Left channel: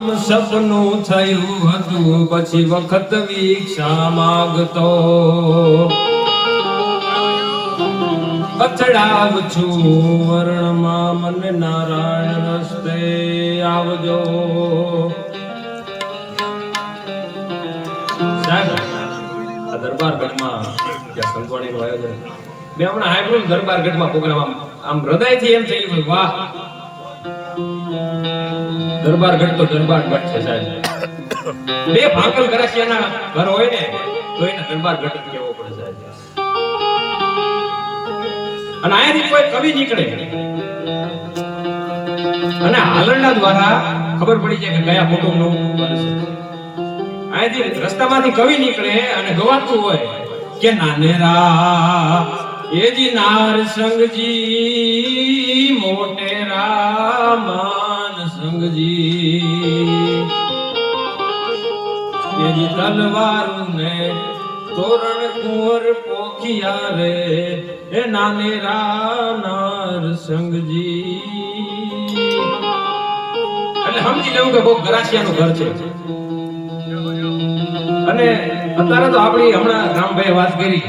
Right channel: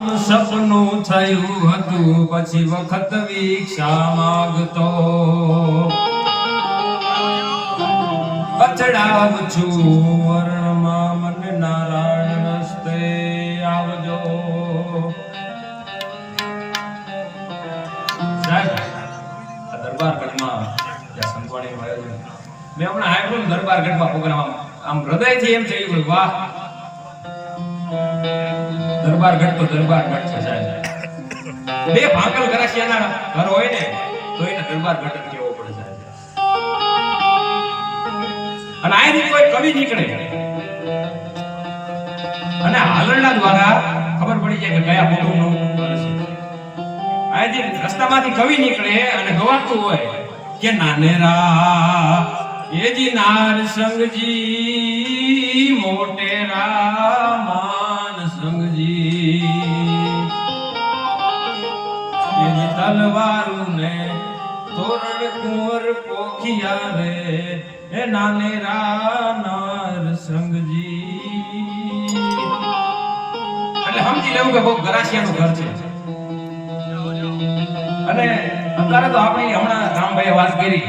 સપનું થયું હતું પછી વખત વિક્ષા માંગતો અથડાવ છું વર્ણમાં મને નારાયણ રસ્તે આવજો. સાહેબ દરબારગઢમાં જ્યાં સંતવાણીનું આયોજન મેં હમણાં હાઈબ્રોલ દરબારગઢમાં પ્રોગ્રામ આમ હૃદયથી એમ થયું વાહ દરબારગઢ તો દરબારગઢ છે સાહેબ. બે ભાકલ ગરાસિયાના ઘર હોય ને તો એને દરબારગઢ જ કહેવો પડે સાહેબ. અને અહીંથી કોઈ કવિ નીકળે અને હાલરડા દ્વારા ખબર પડી જાય કે કયા કુટુંબનું ઘર છે. અહીંથી રસ્તામાંથી કવિ નીકળે અને ગવાતું હોય કે નાનેરા એજી નાર સંગજી મોટેરા માન સંગજી એજી તલવારું ને તોરણ કોર પોખિયા રે એ નાનેરા નાર સંગજી. એટલે સમજી લેવું કે બહુ ગરાસિયાનું ઘર છે. અને અત્યારે તો આપણી હમણાં રામભાઈએ વાત કરી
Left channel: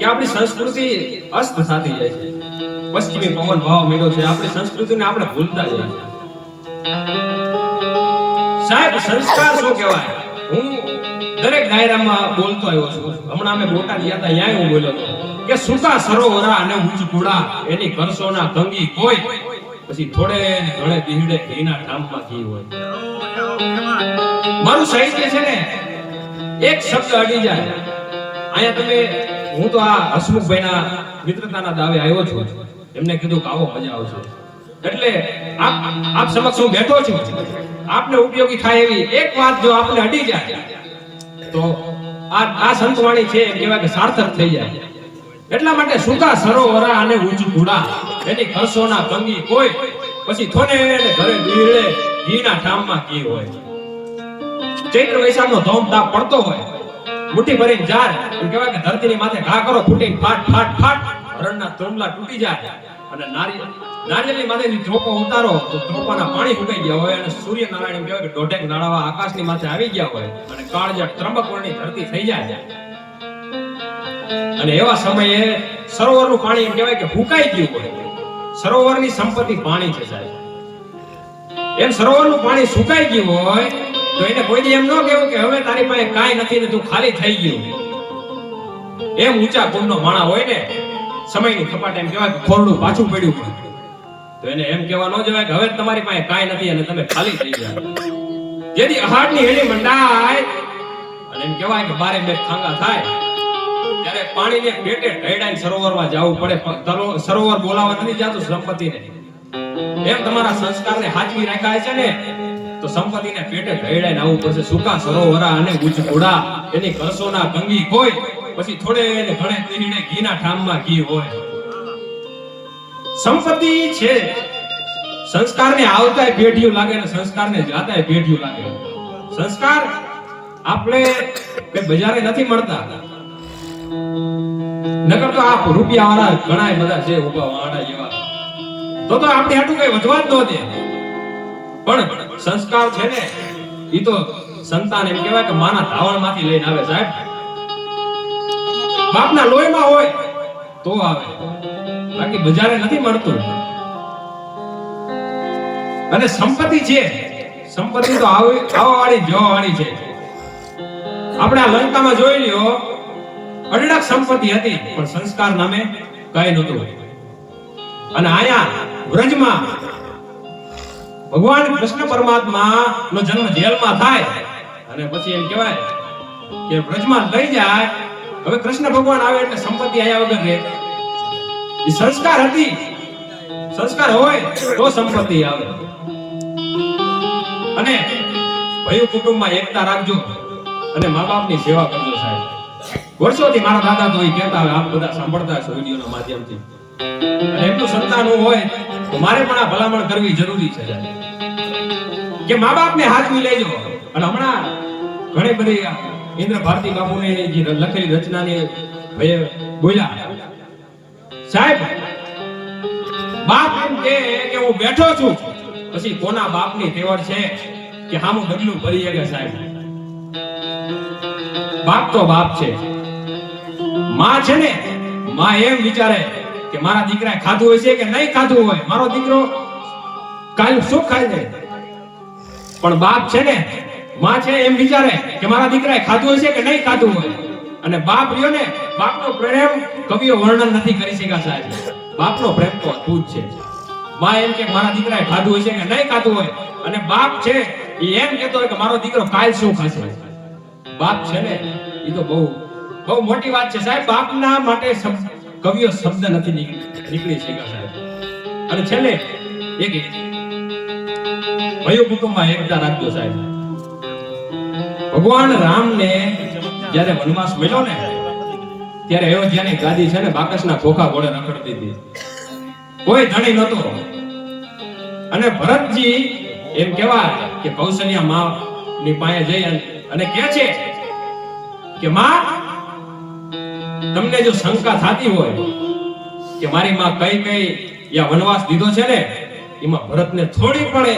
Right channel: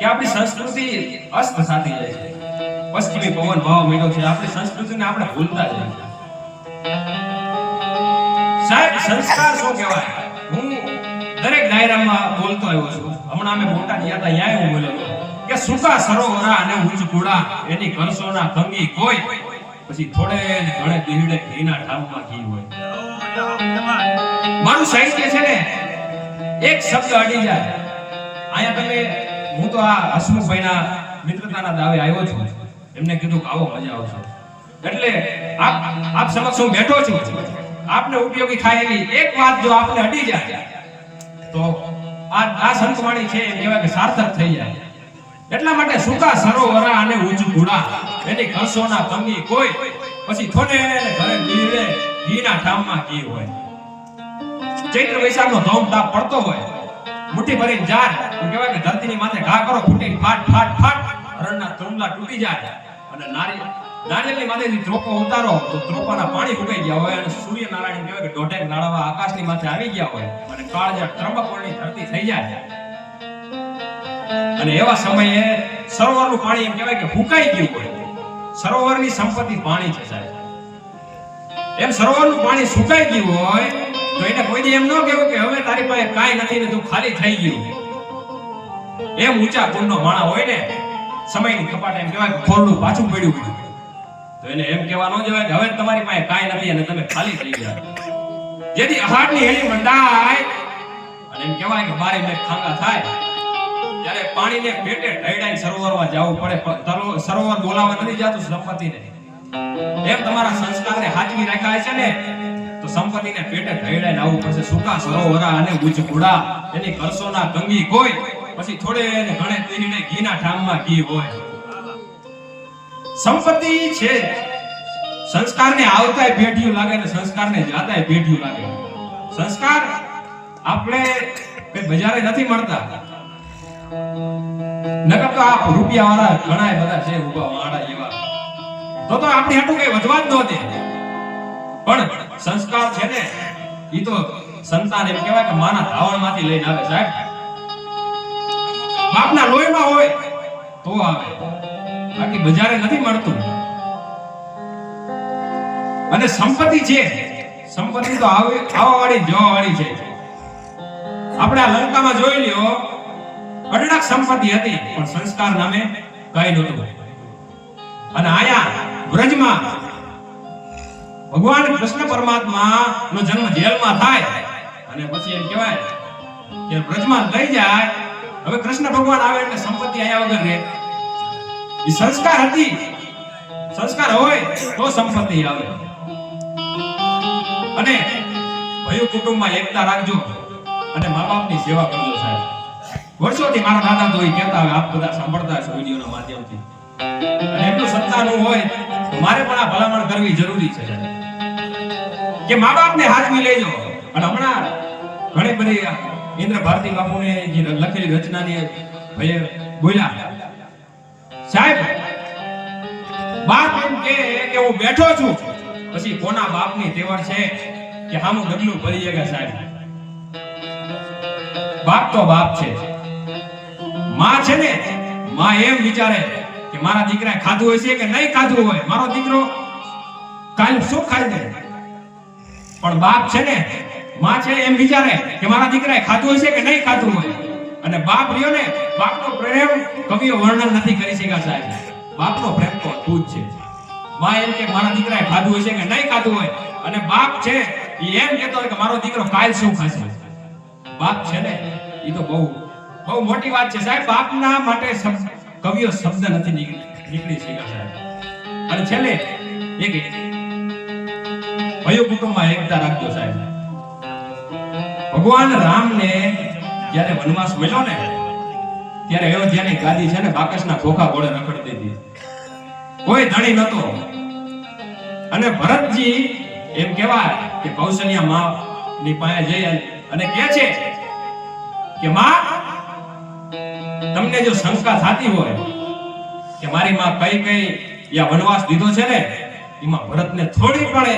કે આપણી સંસ્કૃતિ અસ્ત થતી જાય છે. પશ્ચિમી પવન ભાવ મેળો છે. આપણી સંસ્કૃતિને આપણે ભૂલતા જઈએ સાહેબ. સંસ્કાર શું કહેવાય? હું દરેક દાયરામાં બોલતો આવ્યો છું. હમણાં અમે બોટાદ ગયા હતા, ત્યાં હું બોલ્યો હતો કે સૂકા સરોવરા અને ઉચ્ચ કુડા એની કરસોના કંગી કોઈ પછી થોડે ને ઘણે દીહડે ઘીના ઠામમાં ઘી હોય. મારું સાહિત્ય છે ને એક શબ્દ અડી જાય અહીંયા તમે હું તો આ હસમુખભાઈના મિત્રતાના દાવે આવ્યો છું. એમને કીધું કે આવો મજા આવશે એટલે આપ સમક્ષ હું બેઠો છું. આપને ઉપયોગી થાય એવી એક વાત જો આપને અડી જાય તો આ સંતવાણી છે એમ કહેવાય કે સાર્થક થઈ જાય. એટલા માટે સૂકા સરોવરા અને ઉચ્ચ કુડા એની કરસોના કંગી કોઈ પછી થોડે ને ઘરે દીહડે ઘીના ઠામમાં ઘી હોય. ચૈત્ર વૈશાખનો ધોમ તાપ પડતો હોય, મુઠ્ઠી ભરીને ઝાડ એમ કહેવાય કે ધરતીની માથે ઘા કરો ફૂટીને ફાટ ફાટ ફાટ રણના ત્રોમલા તૂટી જાય અને નારિયેળની માથેથી ત્રોપો ઉતારો તો ત્રોપાના પાણી ફૂટાઈ ગયા હોય અને સૂર્યનારાયણ કહેવાય કે દોઢેક નાળાવા આકાશની માથે આવી ગયા હોય અને કાળજાળ ત્રંબકવર્ણની ધરતી થઈ જાય. અને એવા સમયે સરોવરનું પાણી એમ કહેવાય કે ફૂંકાઈ ગયું હોય. સરોવરની સંપત્તિ પાણી છે સાહેબ. એમ સરોવરનું પાણી સુકાઈ ગયું હોય તો એને કોઈ એમ ન કહેવું કે હવે તારી પાસે કાંઈ નથી ને તું ખાલી થઈ ગયું. એમ ઊંચા કુંડનો માણા હોય ને સમયની કપાટ એમ કહેવાય કે ખોરડું પાછું પડ્યું હોય તો એને એમ કહેવા ન જવાય કે હવે તમારી પાસે કાંઈ નથી અને તમે ખાલી થઈ ગયા. જેથી અહાડની હેળી મંડાય અને એમ કહેવાય કે બારે બે ખાંગા થાય ત્યારે પાણીને પેટે ઢળાઈને સરોવરમાં જવું પડે. સરોવર બોલાવવા નથી જાતું સંપત્તિને. એમ તમારા સંસ્કારને હાચવી રાખ્યા છે ને તો સંપત્તિને પેટે ઢળાઈને આવવું પડશે. સૂકા સરોવરા અને ઉચ્ચ કુડા એની કરસોના કંગી કોઈ પછી થોડે ને ઘણે દીહડે ઘીના ઠામમાં ઘી હોય. સંપત્તિ છે સંસ્કારને આવતાય પેઢીઓ લાગે ને સંસ્કારને જાતાય પેઢીઓ લાગે. સંસ્કાર આપણે કઈ બજારે નથી મળતા. નકર તો આ રૂપિયાવાળા ઘણા બધા છે ઉભા વાળા જેવા તો આપણે હાટું કઈ વધવા જ ન દે. પણ સંસ્કાર છે ને ઈ તો સંતાન એમ કહેવાય કે માના ધાવણમાંથી લઈને આવે સાહેબ. બાપના લોહીમાં હોય તો આવે, બાકી બજારે નથી મળતું. અને સંપત્તિ છે, સંપત્તિ તો આવવાવાળી જવાવાળી છે. આપણે આ લંકામાં જોઈ લ્યો અઢળક સંપત્તિ હતી પણ સંસ્કાર નામે કઈ નહોતું. અને આયા વ્રજમાં ભગવાન કૃષ્ણ પરમાત્મા નો જન્મ જેલમાં થાય અને પછી એમ કહેવાય કે વ્રજમાં લઈ જાય. હવે કૃષ્ણ ભગવાન આવે એટલે સંપત્તિ આયા વગર રહે. એ સંસ્કાર હતી. સંસ્કાર હોય તો સંપત્તિ આવે. અને ભયું કુટુંબમાં એકતા રાખજો અને મા બાપની સેવા કરજો સાહેબ. વર્ષોથી મારા દાદા તો એ કહેતા આવે, આપ બધા સાંભળતા છો વિડીયોના માધ્યમથી. અને એમનું સંતાન હોય તો મારે પણ આ ભલામણ કરવી જરૂરી છે કે મા બાપને હાથમાં લેજો. અને હમણાં ઘણી બધી ઇન્દ્ર ભારતી બાપુની જે લખેલી રચનાની બોલ્યા સાહેબ, બાપ એમ કે હું બેઠો છું પછી કોના બાપની તેવર છે કે હામું ડગલું ભરી ગયા સાહેબ. બાપ તો બાપ છે. માં છે ને, માં એમ વિચારે કે મારા દીકરાએ ખાધું હશે કે નહીં ખાધું હોય, મારો દીકરો કાલ શું ખાઈ લે. પણ બાપ છે ને, માં છે એમ વિચારે કે મારા દીકરાએ ખાધું હશે કે નહીં ખાધું હોય. અને બાપ રહ્યો ને, બાપનો પ્રેમ કવિઓ વર્ણન નથી કરી શક્યા સાહેબ. બાપનો પ્રેમ તો અદ્ભુત છે. માં એમ કે મારા દીકરાએ ખાધું હશે કે નહીં ખાધું હોય, અને બાપ છે એ એમ કહેતો હોય કે મારો દીકરો કાલ શું ખાશે. બાપ છે ને એ તો બહુ બહુ મોટી વાત છે સાહેબ. બાપના માટે કવિઓ શબ્દ નથી નીકળી શક્યા સાહેબ. અને છેલ્લે એક ભયો કુટુંબમાં એકતા રાખજો સાહેબ. ભગવાન રામને જ્યારે વનવાસ મળ્યો ને, ત્યારે અયોધ્યાની ગાદી છે ને બાકસના ખોખા ઘોડે રખડતી હતી. કોઈ ધણી નહોતો. અને ભરતજી એમ કહેવાય કે કૌશલ્યા માં ની પાસે જઈ અને કહે છે કે માં, તમને જો શંકા થતી હોય કે મારી માં કઈ યા વનવાસ દીધો છે ને, એમાં ભરતને થોડી પણ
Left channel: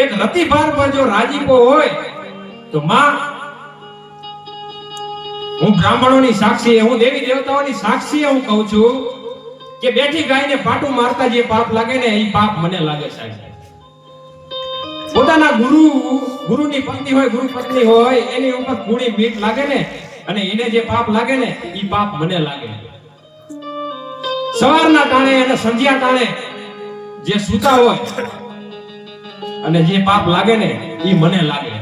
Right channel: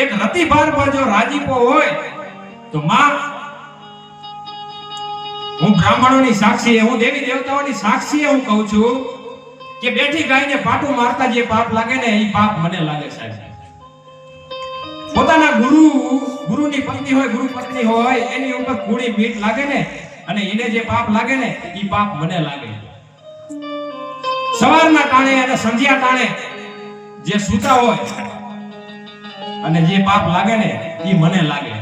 એક રતિભાર પર જો રાજીપો હોય તો માં, હું બ્રાહ્મણોની સાક્ષી, હું દેવી દેવતાઓની સાક્ષી હું કહું છું કે બેઠી ગાયને પાટું મારતા જે પાપ લાગે ને, એ પાપ મને લાગે સાહેબ. પોતાના ગુરુની પત્ની હોય, ગુરુ પત્ની હોય, એની ઉપર કુડી મીઠ લાગે ને, અને એને જે પાપ લાગે ને, એ પાપ મને લાગે. સવારના ટાણે અને સંધ્યા ટાણે જે સૂતા હોય અને જે પાપ લાગે ને, એ મને લાગે.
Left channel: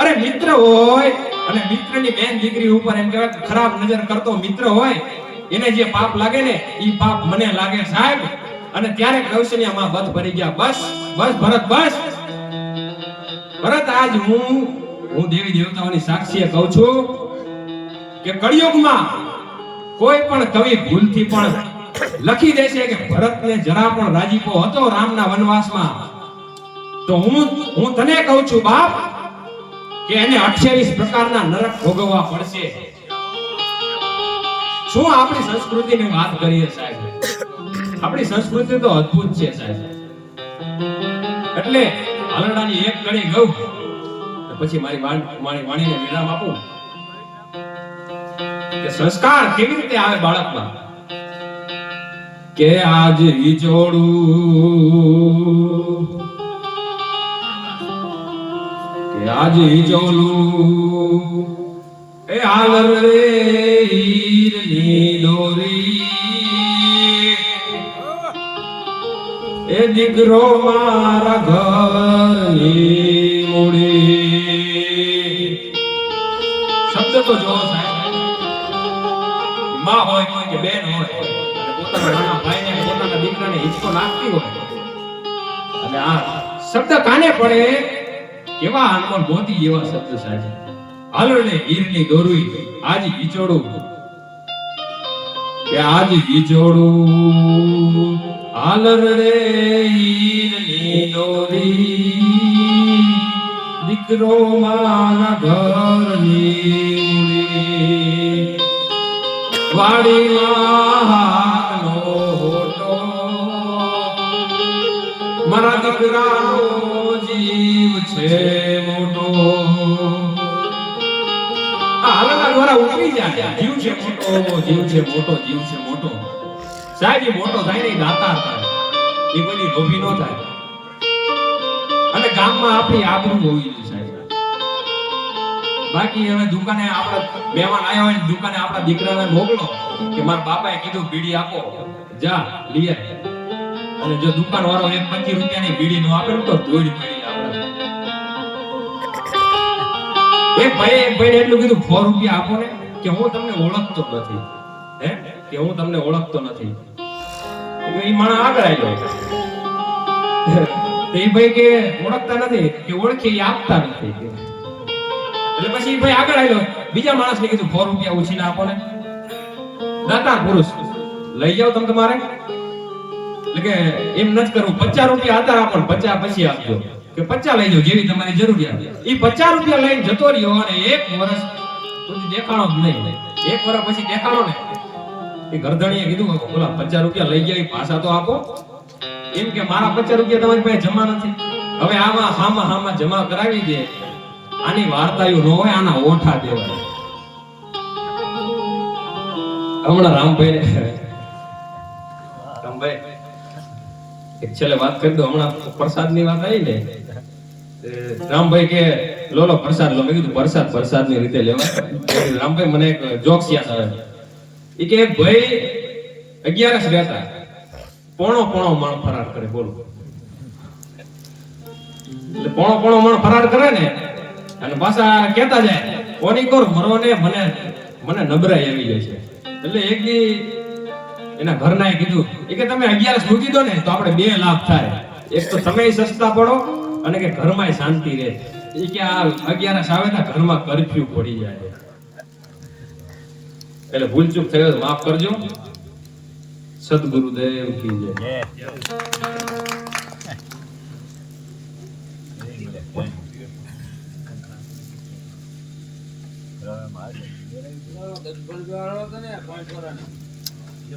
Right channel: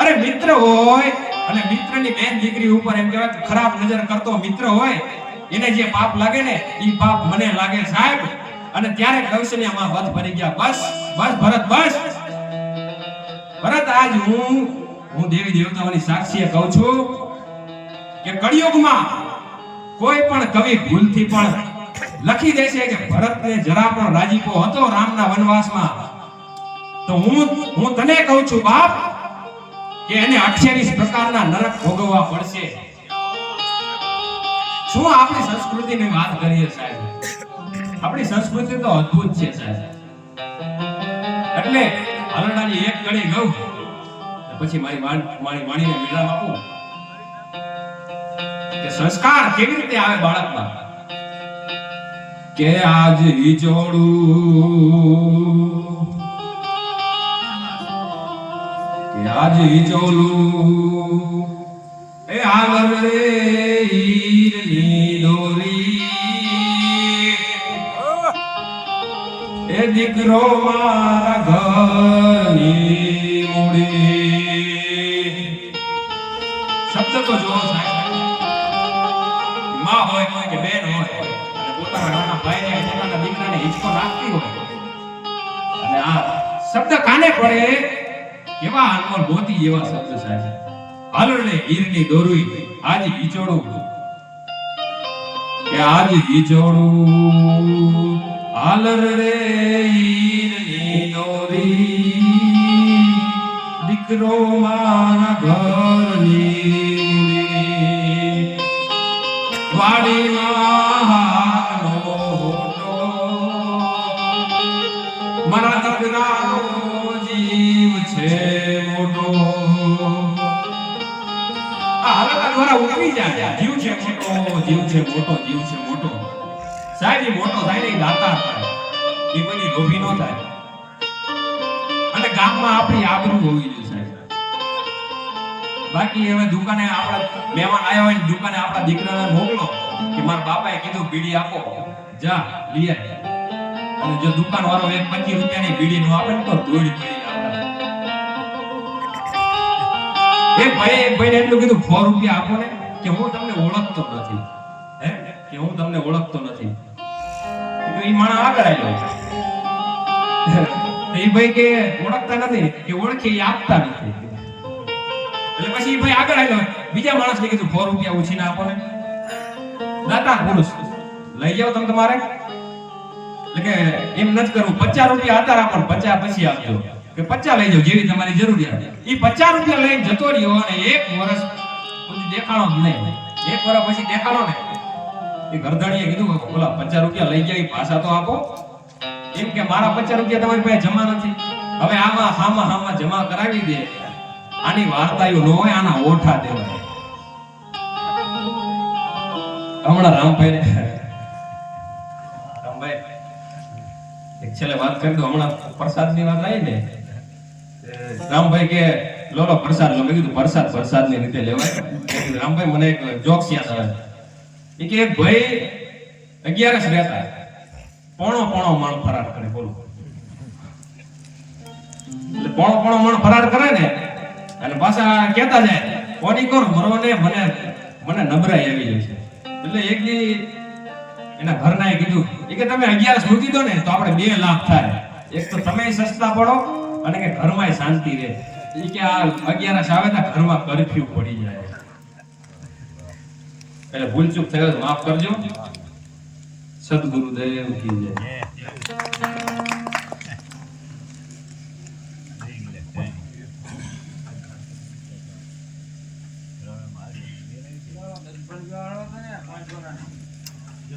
અરે મિત્ર હોય અને મિત્રની બેન દીકરી ઉપર એમ કહેવાય ખરાબ નજર કરતો મિત્ર હોય, એને જે પાપ લાગે ને, એ પાપ મને લાગે સાહેબ. અને ત્યારે કૌશલ્યામાં બધ ભરી ગયા. બસ બસ ભરત, બસ ભરત, આજ હું દેવી દેવતાઓની સાક્ષીએ કહું છું કે કળિયુગમાં કોઈ પણ કવિ ભૂલથી પણ લખી દેશે કે ભરતને જરા પણ રાજીપો હતો રામના વનવાસમાં, તો હું તને કહું છું બાપ કે એને 28 પ્રકારના નરક ભોગવવા પડશે. શું આપણી સંસ્કૃતિની વાત કરીએ સાહેબ. આપણી સંસ્કૃતિ તો અદ્ભુત છે સાહેબ. એટલે હાલડાની એક કડી ગઉં પછી મારી વાણીને વિરામ આપું કે સંસ્કાર કેવી રીતે આવે બાળકમાં. કે આજ હિજોડું, કે આજ હિજોડું, એ હાલ રે હીરની દોરી, એ દીકરો મારા ઘરની મૂડી. શબ્દ તો જોવો સાહેબ. માં હોય કે બેન હોય, પોતાના ભાઈને પોતાના દીકરાને હિંચકો નાખતી હોય, અને આ શબ્દ કાને પડે, કેવા અનમોલ મોતી એવા શબ્દ સાહેબ. હાલો ને હીરની દોરી, આજ હિચોડું, કે આજ હિચોડું, હાલ રે હીરની દોરી, દીકરો મારા ઘરની વાડીમાં હાથનો હોટો, મારા દીકરાનો જીવ છે મોટો. હાલના દ્વારા ઉતરી જાય, જીવ છે મોટો, જીવ છે મોટો, જીવ છે મોટો સાહેબ. એ મોટો થાય ને દાતા થાય, એ કોઈ લોભી નો થાય. અને ગામમાં આપણી આબરૂ હોવી જોઈએ સાહેબ. બાકી હવે દુકાને આપણા મહેમાન આવ્યા હોય, દુકાને આપણા દીકરાને મોકલો કે મારા બાપાએ કીધું બીડી આપો, જા લઈ આય. અને જો દુકાન વાળો 25 રૂપિયાની બીડી નો આપે તો ધોઈ પડી જાય. એક ભાઈ એટલું કીધું 4 રૂપિયા આપો ને, કે હું તમને ઓળખતો નથી, હે કે હું તમને ઓળખતો નથી. એ માણસ આગળ આવ્યો. એ ભાઈ કે ઓળખતા નથી, કે ઓળખી આપતા નથી. એટલે પછી ભાઈ આગળ આવ્યો, બીજા માણસને કીધું 4 રૂપિયા ઉછીને આપો ને. દાતા પુરુષ લઈ જાઓ તમે તમારે. એટલે કે એમ નથી કરવું, 50 રૂપિયા હતા આપો, 50 પછી આપજો, કે 50 લઈ જાઓ જેવી તમારી જરૂરિયાત. એ 50 રૂપિયા લઈને જતો રહ્યો, અને 1 વર્ષ કોઈ દેખાણો જ નહીં. 1 વર્ષ પછી દેખાણો ને, એ ગરદણીએ કીધું ઓલા 50 રૂપિયા લઈ ગયા, પાછા તો આપો. એમ કે મારા 50 રૂપિયા તમારી પાસે જમા નથી, હવે આમાં હામાં જમા કરાવી દે. આની વાર્તાયું ન હોય, આના ઓઠા દેવાય. હમણાં રામભાઈ એક છેલ્લે વાત કરી દો. હમણાં પ્રસાદની વાત આવી ને, રામભાઈ કે લો પ્રસાદ લો. મેં કીધું પ્રસાદની રીતે લેવા. રામભાઈ મને એક જોક્સ યાદ આવે. એ કે ભાઈ 11 રહેતા પોણો મણ ફરાર કરે. બોલો, એટલે પોણો મણ ફરાર કરે ને, અને પાછા કહેતા જાય કોની કરો મરો ને મને નબળાઈ આવી જાય છે. એટલે એક દી એના ઘરનાએ કીધું કે તમે 11 મૂકી દો ને તો આપણે 2 લાખ થાય. એક તો તમે સસ્તા પડો અને કે ઘરમાં શાંતિ રહે. એ કે આ 11 આવે તો ઘરમાં કર્ફ્યુ પડી જાય. એટલે ભૂલચૂક થયો માફ કરજો. સદગુરુદેવ કી જય. મારે